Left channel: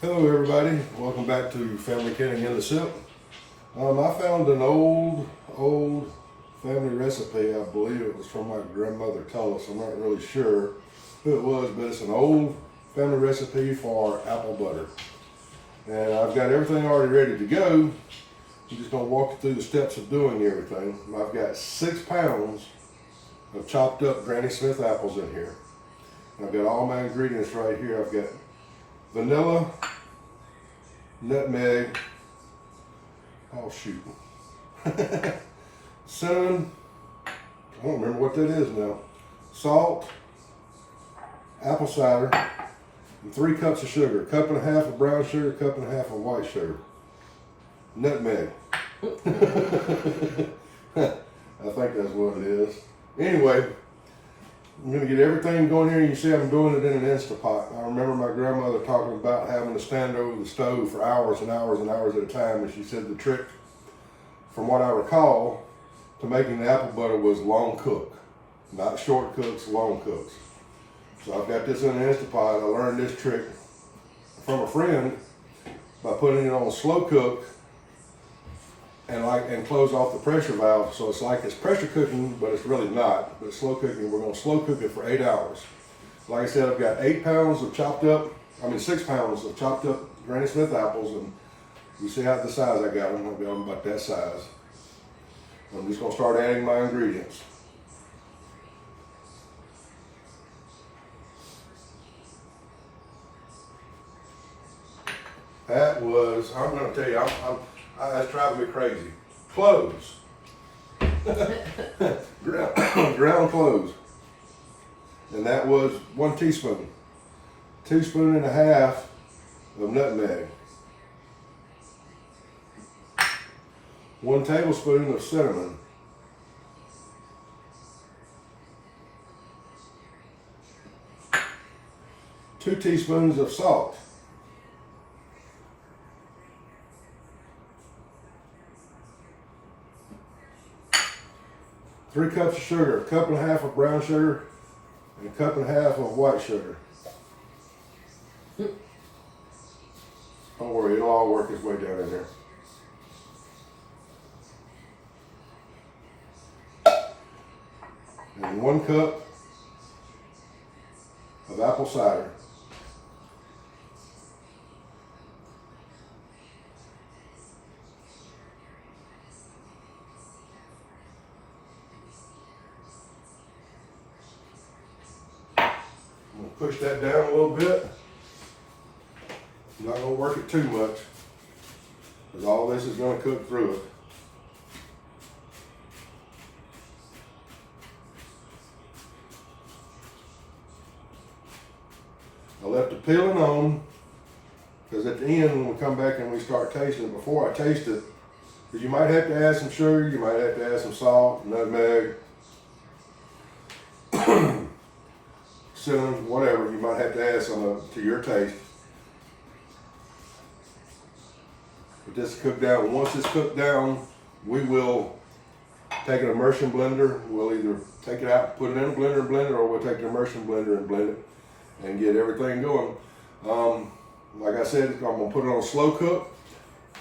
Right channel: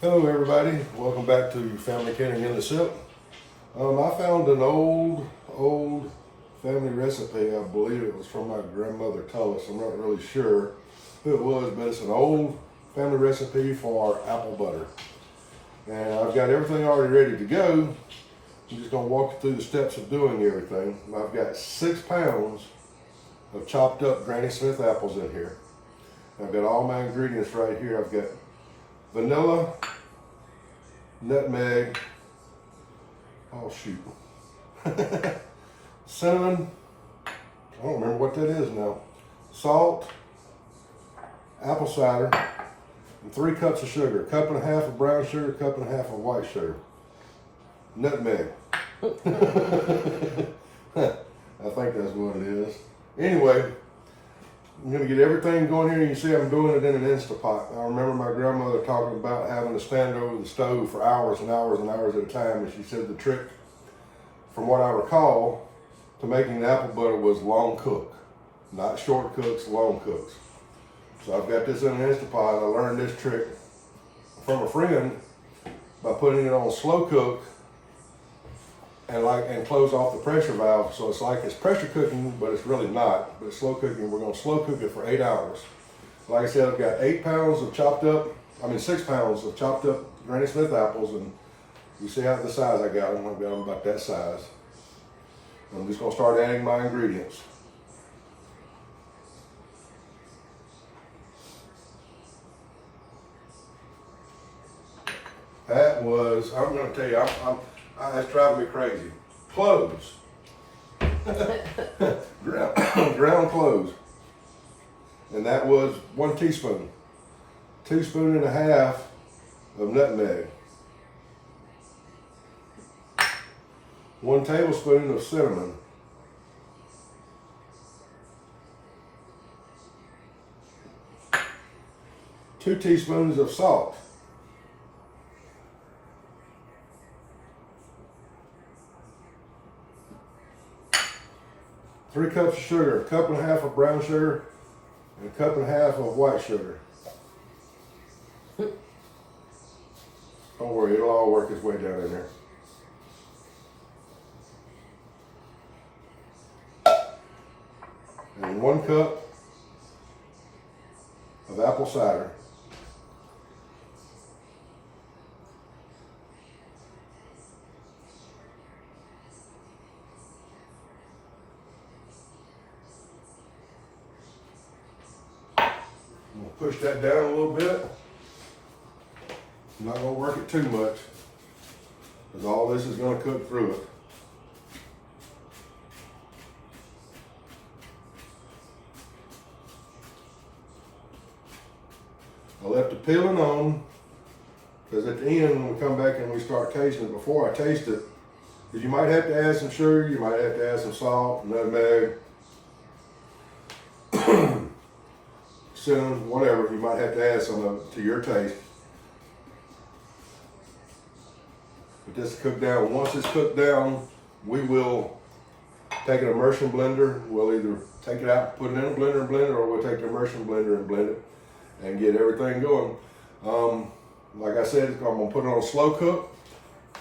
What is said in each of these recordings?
Hello everybody, welcome back to Family Canning in the Sip. I found an old family recipe. I believe it was from my grandmother Tullis. I'm not really sure who it was, but it's an old family recipe for apple butter. And I've got everything already ready to go. I'm just gonna walk you through the steps of doing everything. I've got 6 pounds of chopped up Granny Smith apples in here. I've got all my ingredients right here. I've got vanilla, nutmeg, oh shoot, cinnamon, I don't remember what that is now, salt, apple cider, and 3 cups of sugar, 1.5 cups of brown sugar, 1.5 cups of white sugar, nutmeg. I think that's what it is. Anyway, I'm going to get everything going here. You see I'm doing it in an Instapot. I remember my grandmother talking about having to stand over the stove for hours and hours and hours at a time, and she said the trick, from what I recall, to making the apple butter was long cook. Not short cooks, long cooks. So I've got this in an Instapot. I learned this trick from a friend by putting it on slow cook and close off the pressure valve, so it's like it's pressure cooking, but it's really not. But it's slow cooking. We're gonna slow cook it for 8 hours. Like I said, I've got 6 pounds of chopped up Granny Smith apples, and you see how the size I got them. I've got them about that size. I'm just gonna start adding my ingredients. That was, I'm gonna tell you, it's driving me crazy. Cloves. ground cloves. And that was 1 teaspoon. 1.5 teaspoons of nutmeg. 1 tablespoon of cinnamon. 2 teaspoons of salt. 3 cups of sugar, 1.5 cups of brown sugar, and 1.5 cups of white sugar. Don't worry, it'll all work its way down in there. And 1 cup of apple cider. I'm gonna push that down a little bit. I'm not gonna work it too much, because all this is gonna cook through it. I left the peeling on, because at the end when we come back and we start tasting it, before I taste it, because you might have to add some sugar, you might have to add some salt, nutmeg, cinnamon, whatever, you might have to add some of it to your taste. But this is cooked down. Once it's cooked down, we will take an immersion blender. We'll either take it out, put it in a blender, or we'll take the immersion blender and blend it and get everything going. Like I said, I'm gonna put it on slow cook.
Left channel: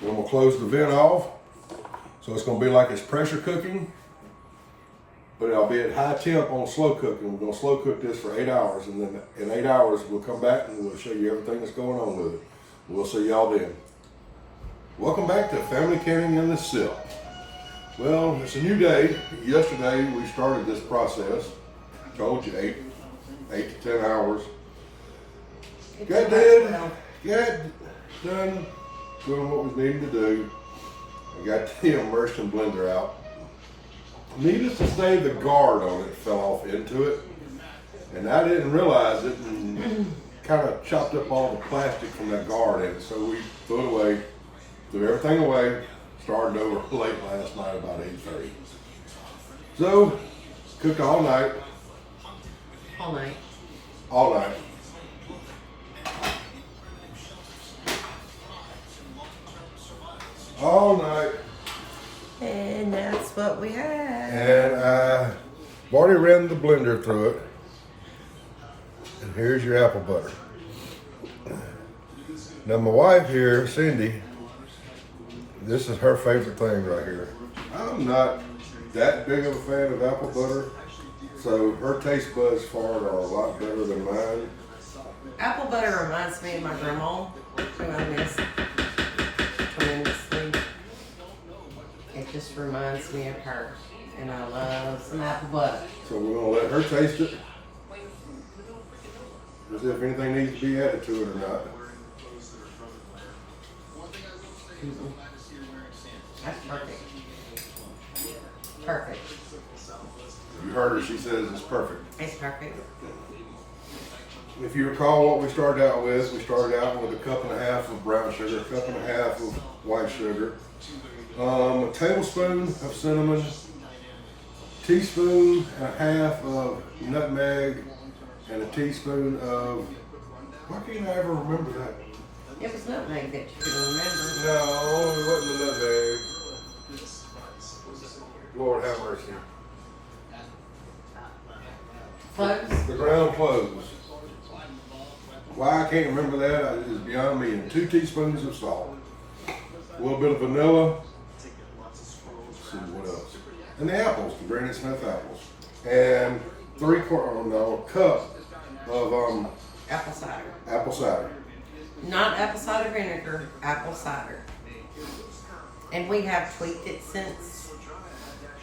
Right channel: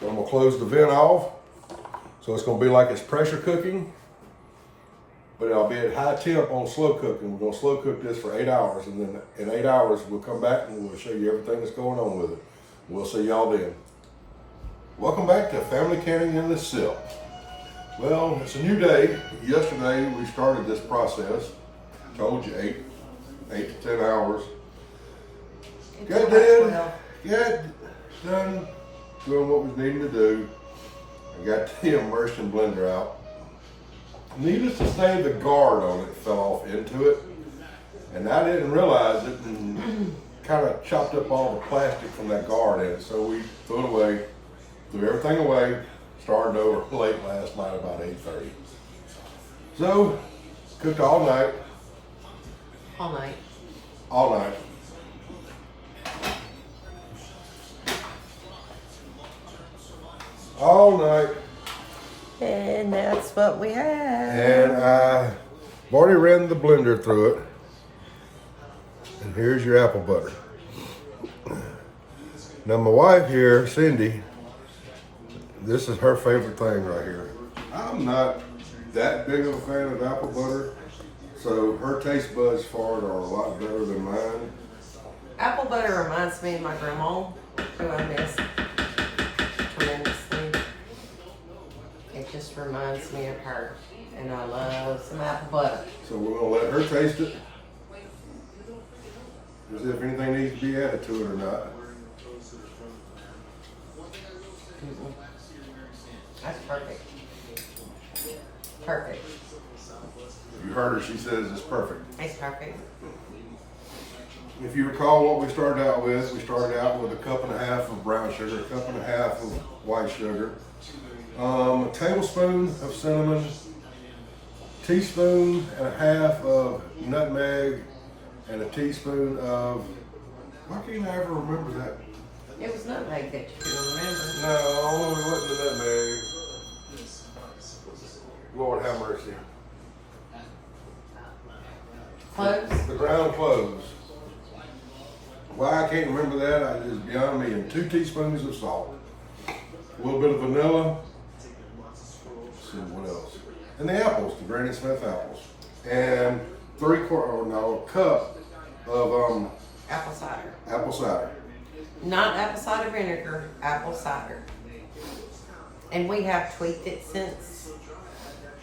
Then I'm gonna close the vent off. So it's gonna be like it's pressure cooking, but I'll be at high temp on slow cooking. We're gonna slow cook this for 8 hours, and then in 8 hours, we'll come back and we'll show you everything that's going on with it. We'll see y'all then. Welcome back to Family Canning in the Sip. Well, it's a new day. Yesterday, we started this process. I told you 8 to 10 hours. Got done doing what was needed to do. I got the immersion blender out. Needless to say, the guard on it fell off into it, and I didn't realize it, and kind of chopped up all the plastic from that guard in it. So we threw it away, threw everything away, started over late last night about 8:30. So cooked all night. All night. All night. All night. And that's what we had. And I've already ran the blender through it. And here's your apple butter. Now my wife here, Cindy, this is her favorite thing right here. I'm not that big of a fan of apple butter, so her taste buds for it are a lot better than mine. Apple butter reminds me of my grandma, who I miss tremendously. It just reminds me of her, and I love some apple butter. So we're gonna let her taste it. As if anything needs to be added to it or not. Mm-mm. That's perfect. Perfect. You heard her, she says it's perfect. It's perfect. If you recall what we started out with a cup and a half of brown sugar, a cup and a half of white sugar, a tablespoon of cinnamon, teaspoon and a half of nutmeg, and a teaspoon of, why can't I ever remember that? It was nutmeg that you couldn't remember. No, it wasn't the nutmeg. Lord have mercy. Cloves? The ground cloves. Why I can't remember that is beyond me. And 2 teaspoons of salt. A little bit of vanilla. Let's see what else. And the apples, the Granny Smith apples. And a cup of Apple cider. apple cider. Not apple cider vinegar, apple cider. And we have tweaked it since.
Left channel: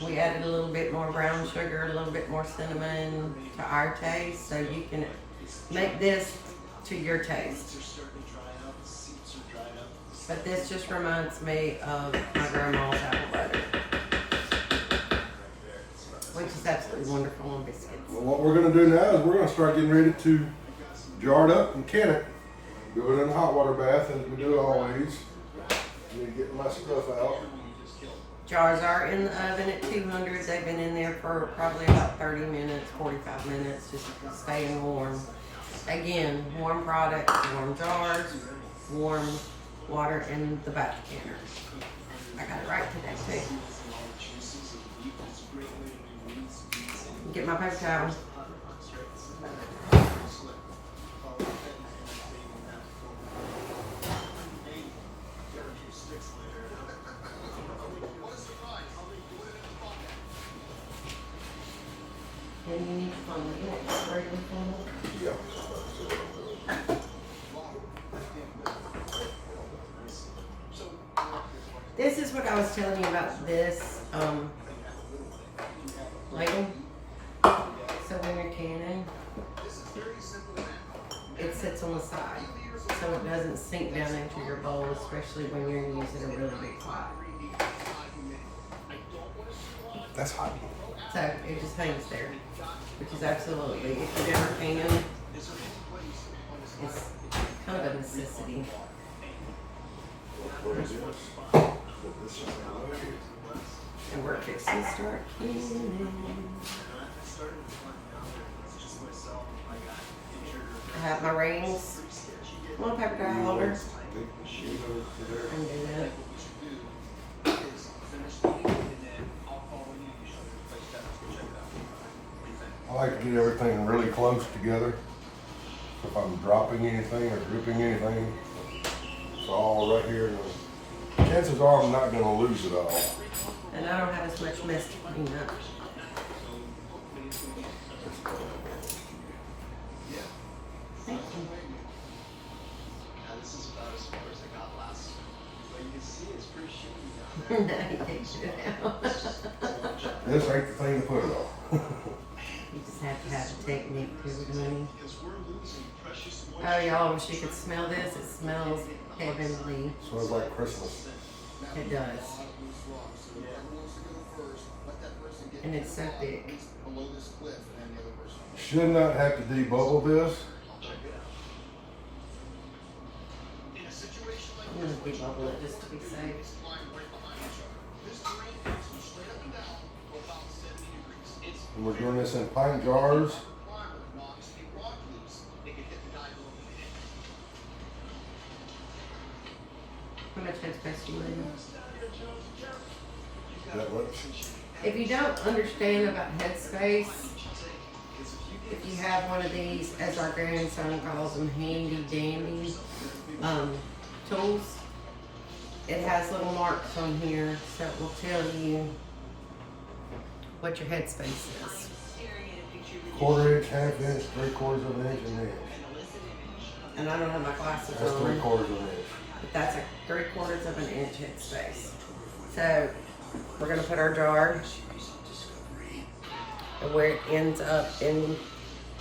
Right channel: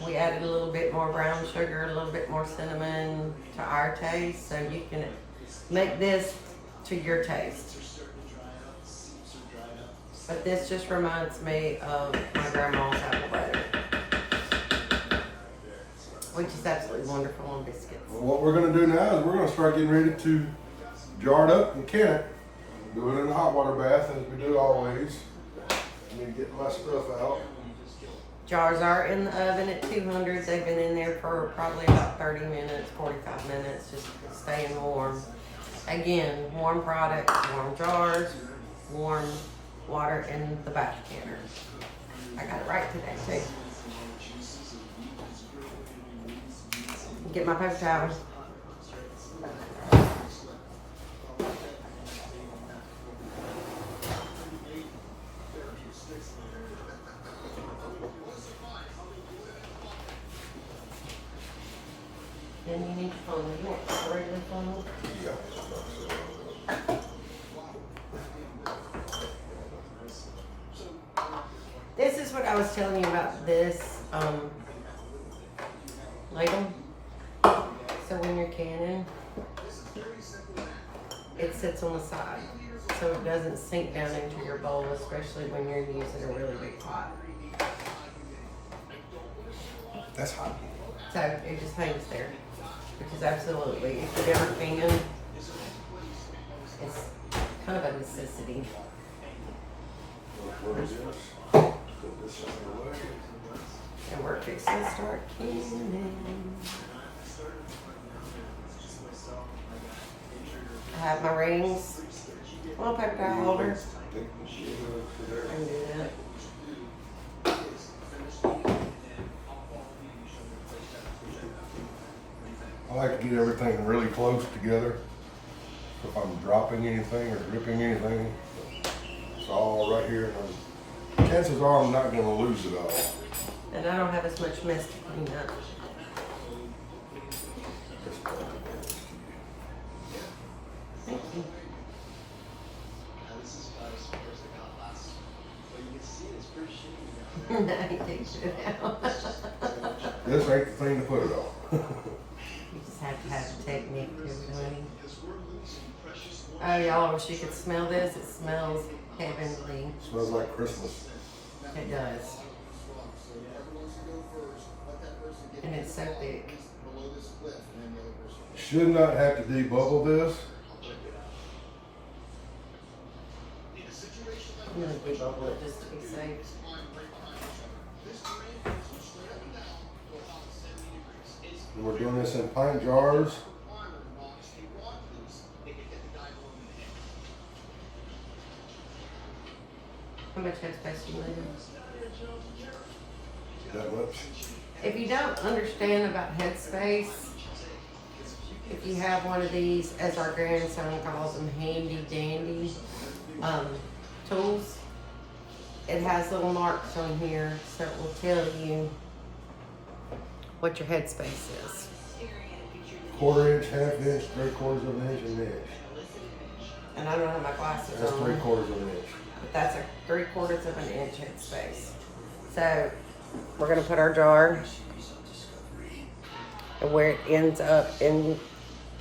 We added a little bit more brown sugar, a little bit more cinnamon to our taste, so you can make this to your taste. But this just reminds me of my grandma's apple butter, which is absolutely wonderful on biscuits. Well, what we're going to do now is we're going to start getting ready to jar it up and can it. Do it in a hot water bath as we do always. I need to get my stuff out. Jars are in the oven at 200. They've been in there for probably about 30 minutes, 45 minutes, just staying warm. Again, warm products, warm jars, warm water in the back canner. I got it right today too. Get my paper towel. Then you need to phone the next regular phone. Yeah. This is what I was telling you about this ladle. So when you're canning, it sits on the side, so it doesn't sink down into your bowl, especially when you're using a really big pot. That's hot. So it just hangs there, which is absolutely, if you've ever canning, it's kind of a necessity. Where is yours? And we're fixing to start canning. I have my rings on a paper towel holder. I can do that. I like to get everything really close together. If I'm dropping anything or dripping anything, it's all right here. And chances are I'm not going to lose it all. And I don't have as much mess to clean up. Thank you. This ain't the thing to put it on. You just have to have the technique to it, honey. Oh, y'all, I wish you could smell this. It smells heavenly. Smells like Christmas. It does. And it's so thick. Should not have to debubble this. I'm going to debubble it just to be safe. And we're doing this in pint jars. How much headspace do you need? That much. If you don't understand about headspace, if you have one of these, as our grandson calls them, handy dandy, has little marks on here, so it will tell you what your headspace is. 1/4 inch, 1/2 inch, 3/4 of an inch, and an inch. And I don't have my glasses That's on. 3/4 of an inch. But that's a 3/4 of an inch headspace. So we're gonna put our jar, and where it ends up into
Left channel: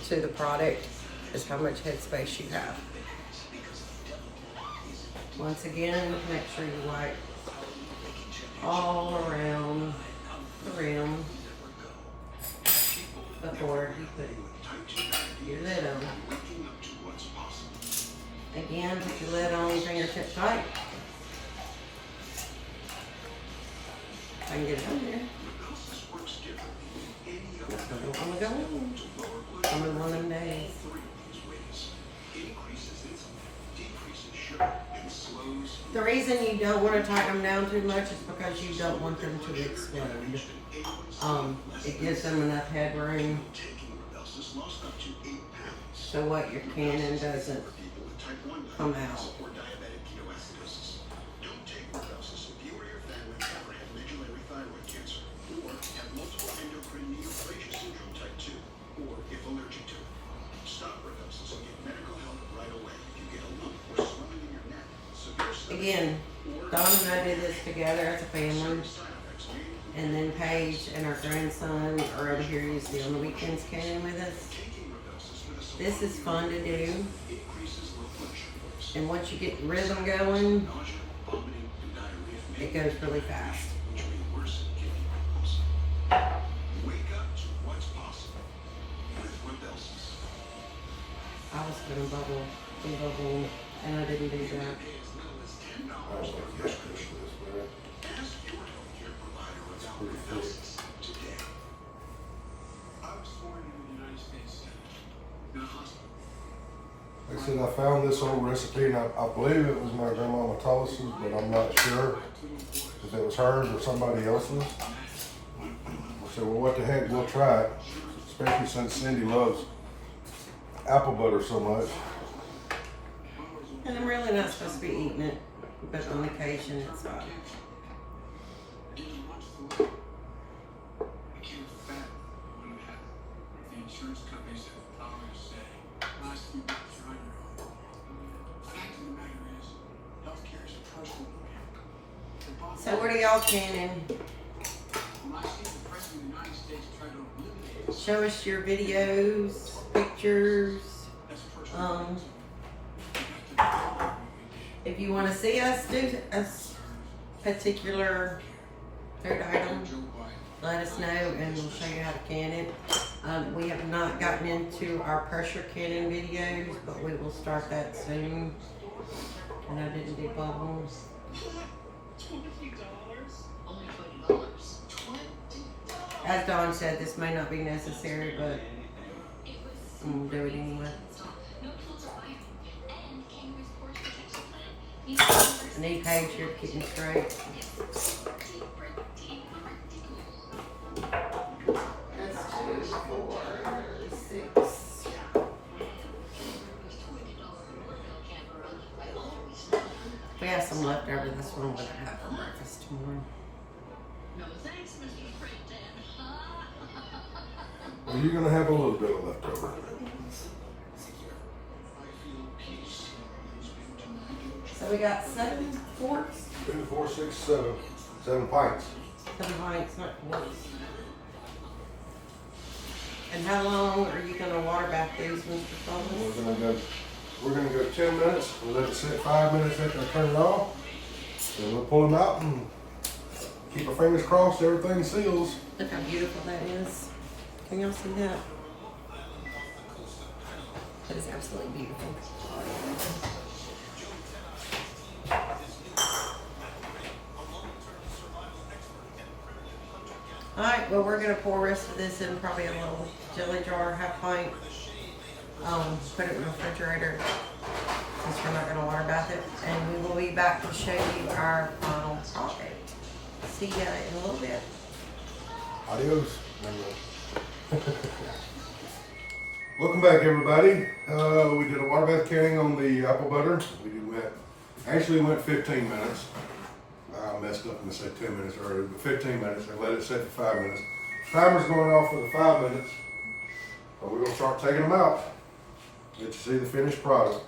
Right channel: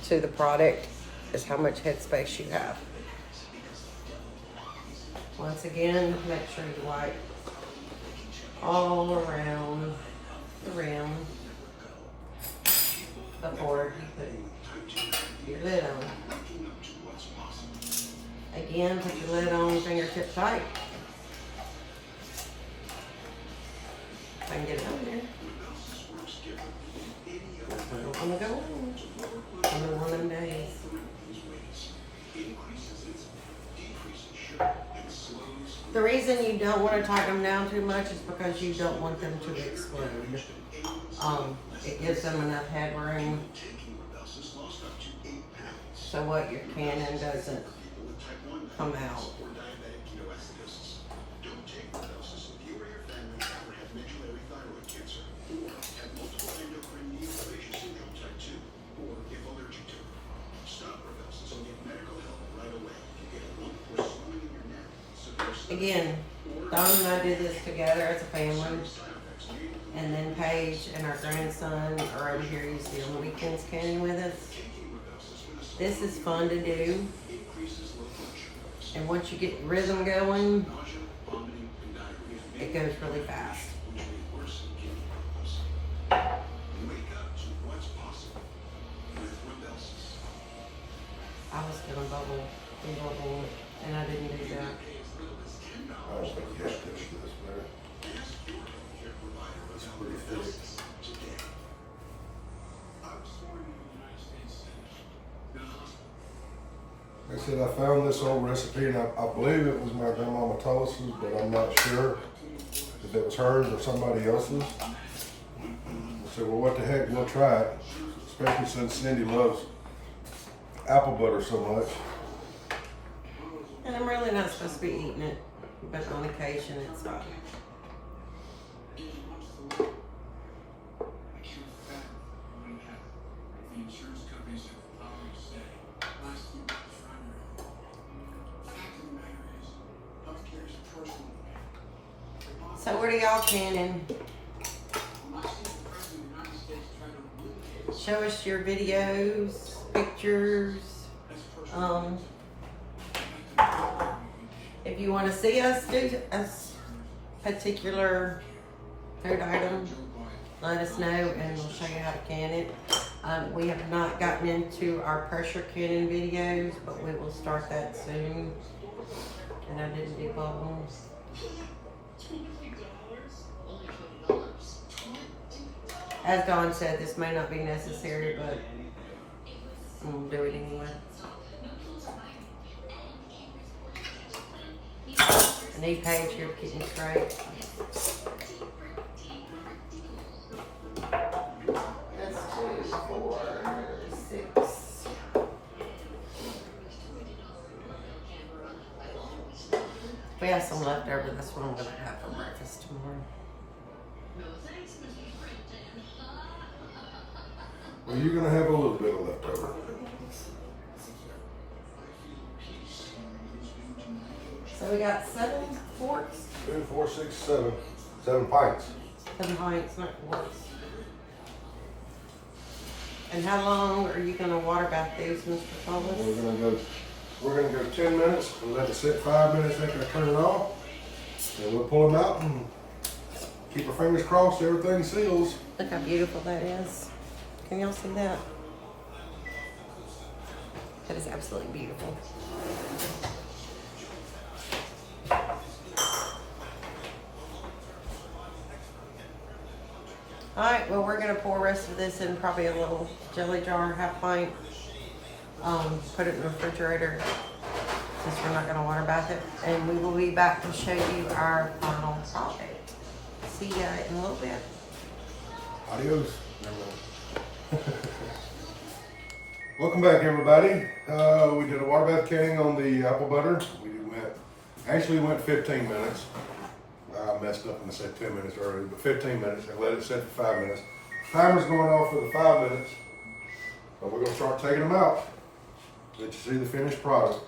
the product is how much headspace you have. Once again, make sure you wipe all around the rim before you put your lid on. Again, put your lid on, fingertip tight. I can get it on there. I'm gonna go in. On one of them days. The reason you don't want to tighten them down too much is because you don't want them to explode. It gives them enough headroom so what your cannon doesn't come out. Again, Dawn and I did this together as a family. And then Paige and our grandson are over here usually on the weekends canning with us. This is fun to do. And once you get the rhythm going, it goes really fast. I was gonna bubble, and I didn't do that. I don't think you have to do this, man. It's pretty thick. Like I said, I found this old recipe, and I believe it was my grandma Tullis's, but I'm not sure if it was hers or somebody else's. I said, well, what the heck, we'll try it, especially since Cindy loves apple butter so much. And I'm really not supposed to be eating it, but on occasion it's fine. So what are y'all canning? Show us your videos, pictures. If you want to see us do a particular food item, let us know and we'll show you how to can it. We have not gotten into our pressure canning videos, but we will start that soon. And I didn't do bubbles. As Dawn said, this may not be necessary, but I'm gonna do it anyway. I need Paige here getting straight. That's 2, 4, 6. We have some left over this one we're gonna have for breakfast tomorrow. Well, you're gonna have a little bit of leftover. So we got 7 quarts. 3, 4, 6, 7. 7 pints. 7 pints, not quarts. And how long are you gonna water bath these, Mr. Foley? We're gonna go 10 minutes. We'll let it sit 5 minutes after I turn it off. And we'll pull them out and keep our fingers crossed everything seals. Look how beautiful that is. Can y'all see that? That is absolutely beautiful. Alright, well we're gonna pour the rest of this in probably a little jelly jar, half pint. Put it in the refrigerator since we're not gonna water bath it. And we will be back to show you our final product. See ya in a little bit. Adios. Welcome back, everybody. We did a water bath canning on the apple butter. Actually went 15 minutes. I messed up and I said 10 minutes earlier, but 15 minutes, and let it set for 5 minutes. Timer's going off for the 5 minutes, and we're gonna start taking them out. Let you see the finished product.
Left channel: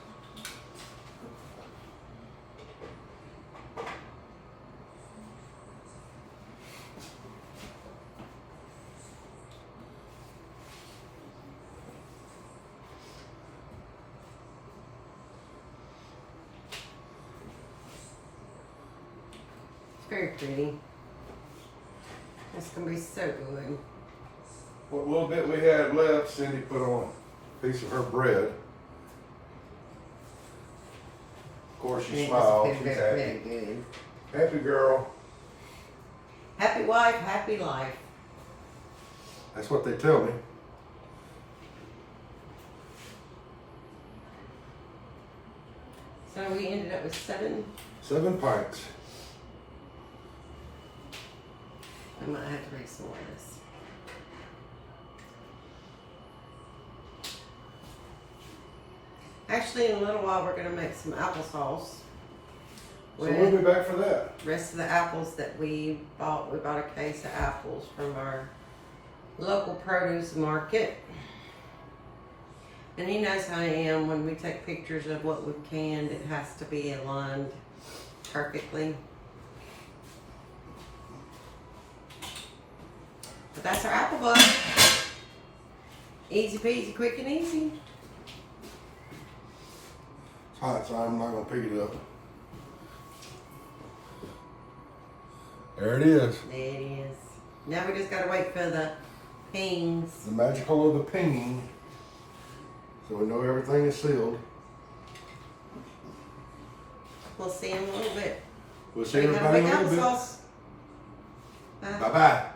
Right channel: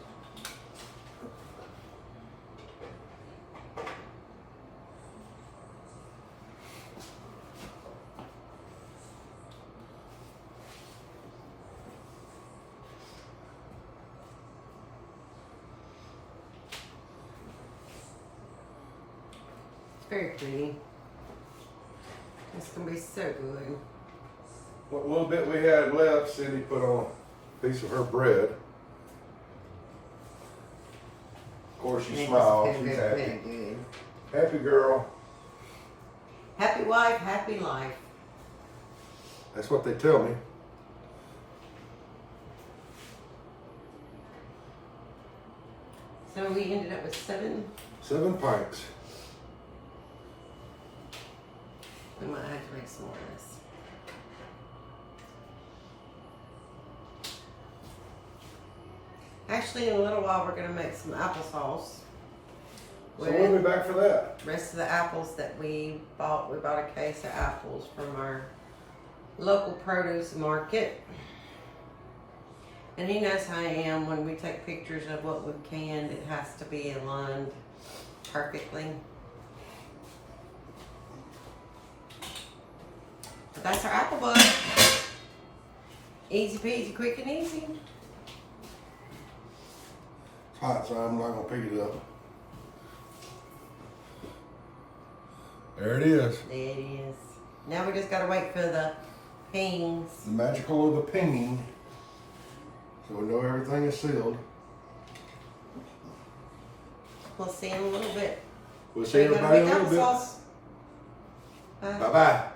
Very pretty. It's gonna be so good. What little bit we had left, Cindy put on a piece of her bread. Of course, she smiled. She's Very happy. good. Happy girl. Happy wife, happy life. That's what they tell me. So we ended up with 7. 7 pints. I might have to make some more of this. Actually, in a little while, we're gonna make some applesauce. So we'll be With back for that. the rest of the apples that we bought. We bought a case of apples from our local produce market. And he knows how I am. When we take pictures of what we've canned, it has to be aligned perfectly. But that's our apple butter. Easy peasy, quick and easy. It's hot, so I'm not gonna pick it up. There it is. There it is. Now we just gotta wait for the pings. The magical of the pinging. So we know everything is sealed. We'll see in a little bit. We'll see We gotta everybody in make a little bit. applesauce. Bye. Bye-bye.